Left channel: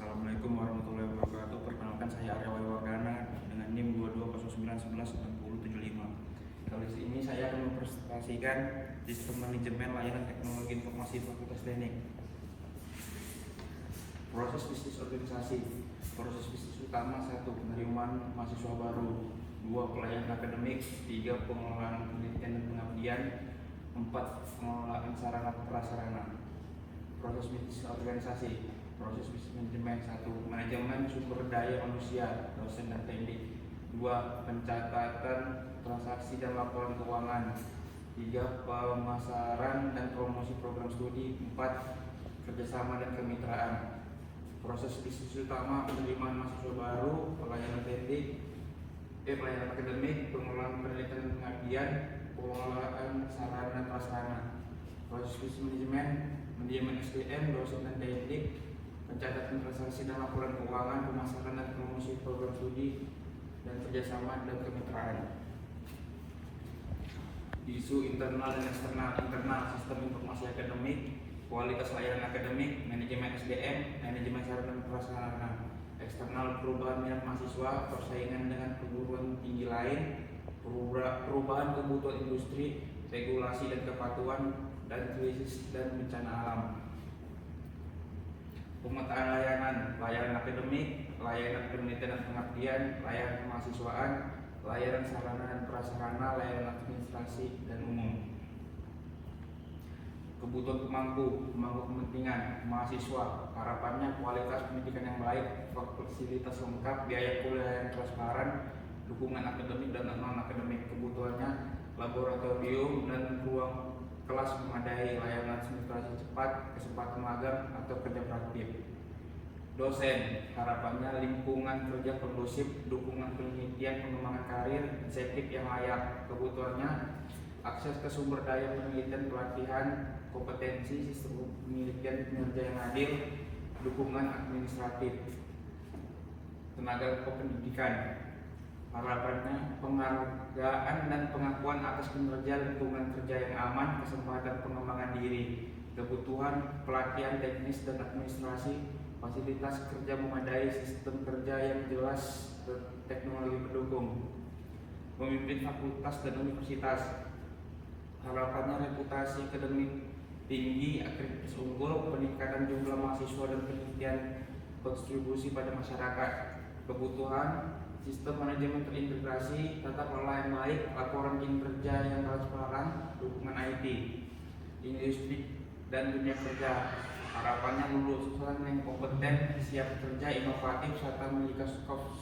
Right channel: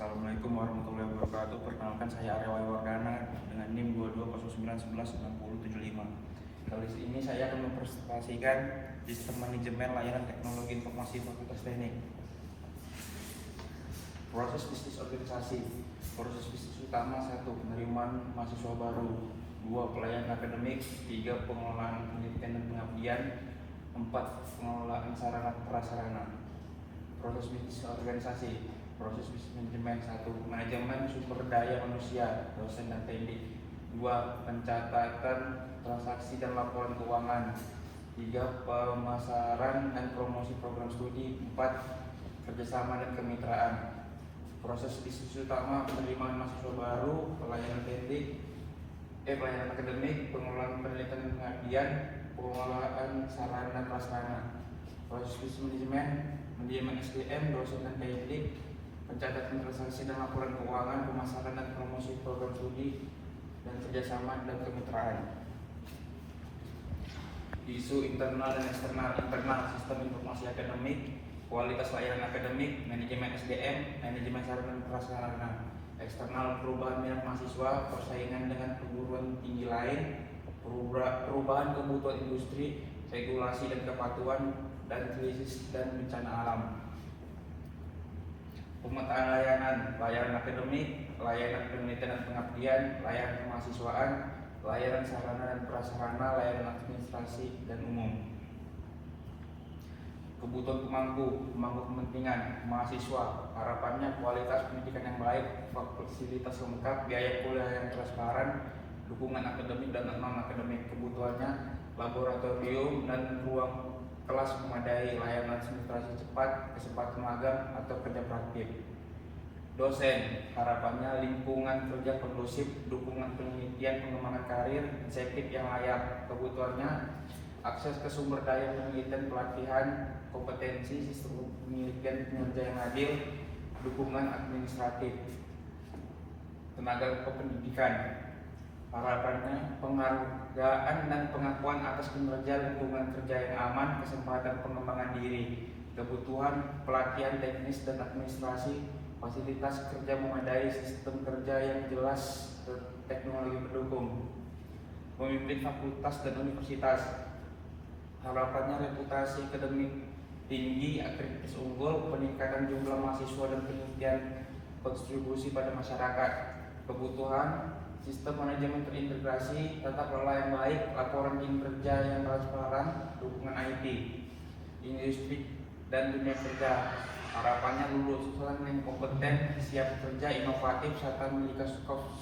Assalamualaikum warahmatullahi wabarakatuh. Perkenalkan, saya Arya Wardana dengan NIM 2209116075. Kali ini saya akan mempresentasikan sistem manajemen layanan teknologi informasi Fakultas Teknik. Proses bisnis organisasi. Proses bisnis utama: 1. Penerimaan mahasiswa baru, 2. Pelayanan akademik, 3. Pengelolaan penelitian dan pengabdian, 4. Pengelolaan sarana prasarana. Proses bisnis organisasi. Proses bisnis manajemen: 1. Manajemen sumber daya manusia, dosen dan teknik, 2. Pencatatan transaksi dan laporan keuangan, 3. Pemasaran dan promosi program studi, 4. Kerjasama dan kemitraan. Proses bisnis utama: penerimaan mahasiswa baru, pelayanan teknik, pelayanan akademik, pengelolaan penelitian dan pengabdian, pengelolaan sarana dan prasarana. Proses bisnis manajemen SDM, dosen dan teknik, pencatatan transaksi dan laporan keuangan, pemasaran dan promosi program studi, dan kerjasama dan kemitraan. Isu internal dan eksternal. Internal: sistem informasi akademik, kualitas layanan akademik, manajemen SDM, manajemen sarana dan prasarana. Eksternal: perubahan minat mahasiswa, persaingan dengan perguruan tinggi lain, perubahan kebutuhan industri, regulasi dan kepatuhan, dan krisis dan bencana alam. Pemetaan layanan: layanan akademik, layanan penelitian dan pengabdian, layanan kemahasiswaan, layanan sarana dan prasarana, layanan administrasi dan umum. Kebutuhan pemangku kepentingan mahasiswa. Harapannya kualitas pendidikan yang baik, fasilitas lengkap, biaya kuliah yang transparan, dukungan akademik dan non-akademik. Kebutuhannya laboratorium dan ruang kelas memadai, layanan administrasi cepat, kesempatan magang atau kerja praktik. Dosen, harapannya lingkungan kerja kondusif, dukungan penelitian, pengembangan karir, insentif yang layak. Kebutuhannya akses ke sumber daya penelitian, pelatihan, kompetensi, sistem penelitian, kinerja yang adil, dukungan administratif. Tenaga kependidikan, harapannya penghargaan dan pengakuan atas kinerja, lingkungan kerja yang aman, kesempatan pengembangan diri. Kebutuhan pelatihan teknis dan administrasi, fasilitas kerja memadai, sistem kerja yang jelas, teknologi pendukung. Pemimpin fakultas dan universitas, harapannya reputasi akademik tinggi, akreditasi unggul, peningkatan jumlah mahasiswa dan penelitian, kontribusi pada masyarakat. Kebutuhan sistem manajemen terintegrasi, tata kelola yang baik, laporan kinerja yang transparan, dukungan IT. Industri dan dunia kerja, harapannya lulusan yang kompeten, siap bekerja, inovatif, serta memiliki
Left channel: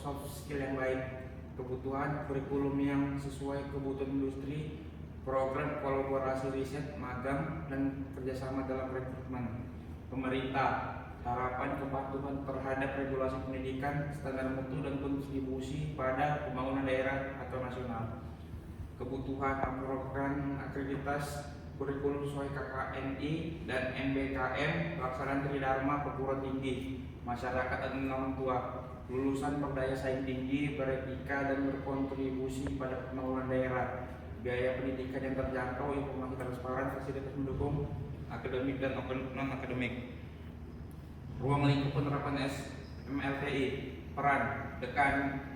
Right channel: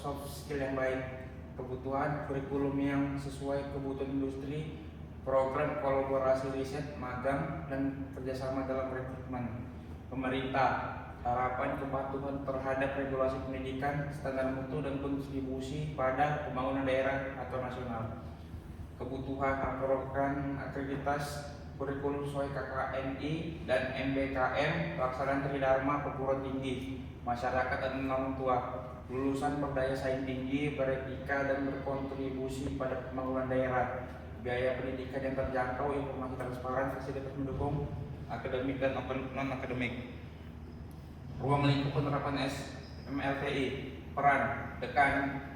soft skill yang baik. Kebutuhan kurikulum yang sesuai kebutuhan industri, program kolaborasi riset, magang, dan kerjasama dalam rekrutmen. Pemerintah, harapan kepatuhan terhadap regulasi pendidikan, standar mutu, dan kontribusi pada pembangunan daerah atau nasional. Kebutuhan program akreditasi, kurikulum sesuai KKNI dan MBKM, pelaksanaan tridharma perguruan tinggi, masyarakat dan orang tua, lulusan berdaya saing tinggi, beretika dan berkontribusi pada pembangunan daerah, biaya pendidikan yang terjangkau, informasi transparan, fasilitas mendukung akademik dan non-akademik. Ruang lingkup penerapan SMLTI, peran dekan,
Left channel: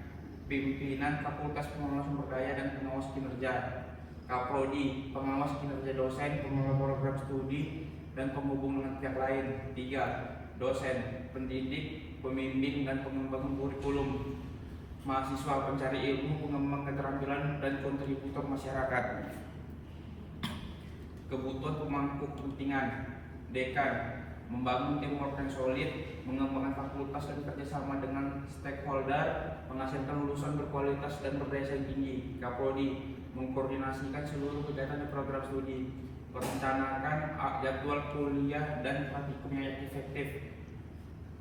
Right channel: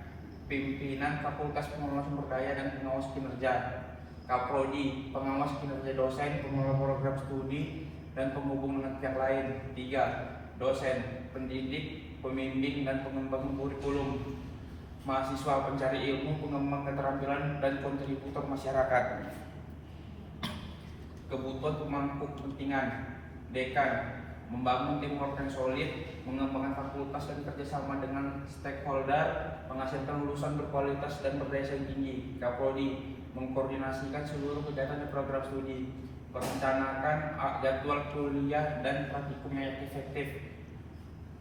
pimpinan fakultas, pengelola sumber daya dan pengawas kinerja, Kaprodi, pengawas kinerja dosen, pengelola program studi, dan penghubung dengan pihak lain. 3. Dosen, pendidik, pembimbing, dan pengembang kurikulum. Mahasiswa, pencari ilmu, pengembang keterampilan, dan kontributor masyarakat. Kebutuhan pemangku kepentingan, dekan, membangun teamwork yang solid, mengembangkan fakultas dan kerjasama dengan stakeholder, menghasilkan lulusan berkualitas dan berdaya saing tinggi. Kaprodi, mengkoordinasikan seluruh kegiatan di program studi, merencanakan jadwal kuliah dan praktikum yang efektif,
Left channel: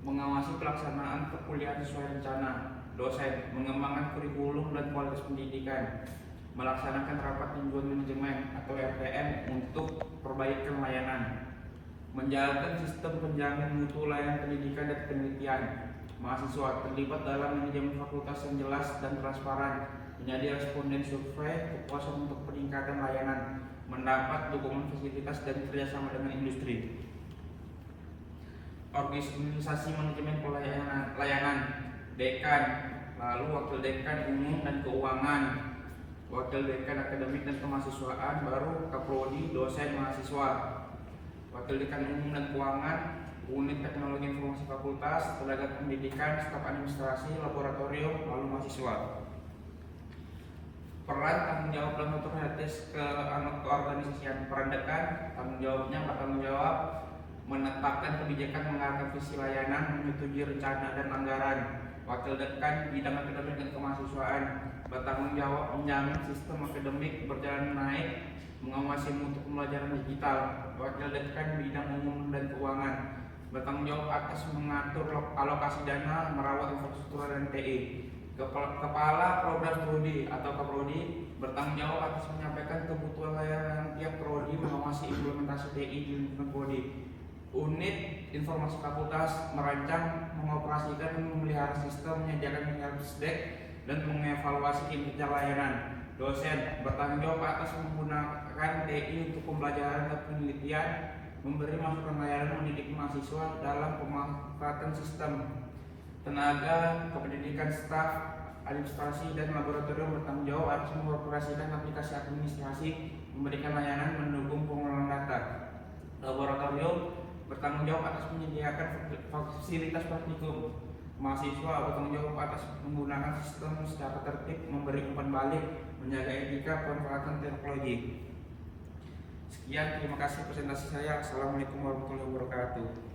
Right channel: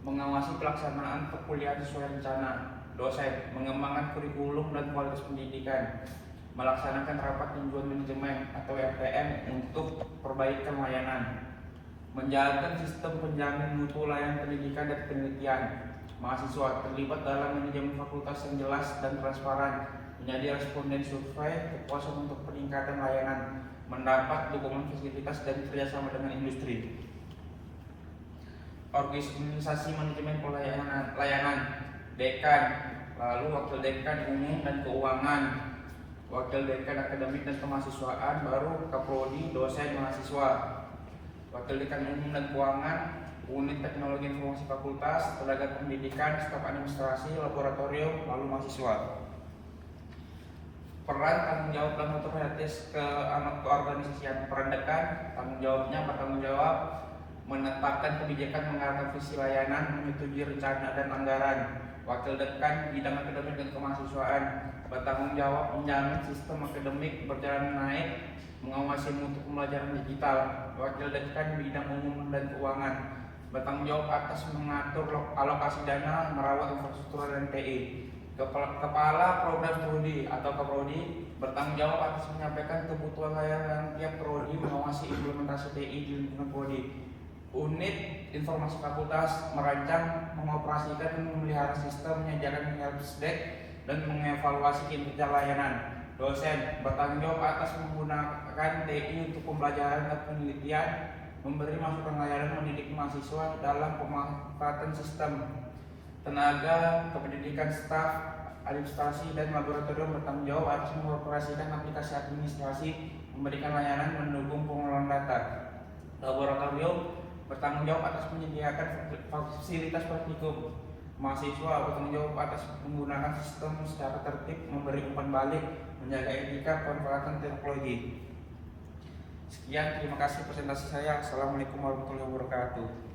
mengawasi pelaksanaan perkuliahan sesuai rencana. Dosen, mengembangkan kurikulum dan kualitas pendidikan, melaksanakan rapat tinjauan manajemen atau RTM untuk perbaikan layanan, menjalankan sistem penjamin mutu layanan pendidikan dan penelitian. Mahasiswa, terlibat dalam manajemen fakultas yang jelas dan transparan, menjadi responden survei, kepuasan untuk peningkatan layanan, mendapat dukungan fasilitas dan kerjasama dengan industri. organisasi manajemen layanan, dekan, lalu wakil dekan umum dan keuangan, wakil dekan akademik dan kemahasiswaan, baru kaprodi, dosen, mahasiswa, wakil dekan umum dan keuangan, unit teknologi informasi fakultas, tenaga pendidikan, staf administrasi, laboratorium, lalu mahasiswa. Peran tanggung jawab dalam otomatis keorganisasian. Peran dekan, tanggung jawabnya bertanggung jawab menetapkan kebijakan, mengarahkan visi layanan, menyetujui rencana dan anggaran. Wakil dekan bidang akademik dan kemahasiswaan bertanggung jawab menjamin sistem akademik berjalan naik, mengawasi mutu pembelajaran digital. Wakil dekan bidang umum dan keuangan bertanggung jawab atas mengatur alokasi dana, merawat infrastruktur dan TI. Kepala program studi atau kaprodi bertanggung jawab atas menyampaikan kebutuhan layanan tiap prodi, mengawasi implementasi TI di lingkungan prodi. Unit informasi fakultas merancang, mengoperasikan, memelihara sistem, menyediakan helpdesk dan mengevaluasi kinerja layanan. Dosen bertanggung jawab atas menggunakan TI untuk pembelajaran dan penelitian, memberi masukan layanan, mendidik mahasiswa dalam pemanfaatan sistem. Tenaga kependidikan, staf administrasi dan laboratorium bertanggung jawab atas mengoperasikan aplikasi administrasi, memberikan layanan, mendukung pengelolaan data. Laboratorium bertanggung jawab atas menyediakan fasilitas praktikum. Mahasiswa bertanggung jawab atas menggunakan sistem secara tertib, memberi umpan balik, menjaga etika pemanfaatan teknologi. Sekian, terima kasih presentasi saya. Assalamualaikum warahmatullahi wabarakatuh.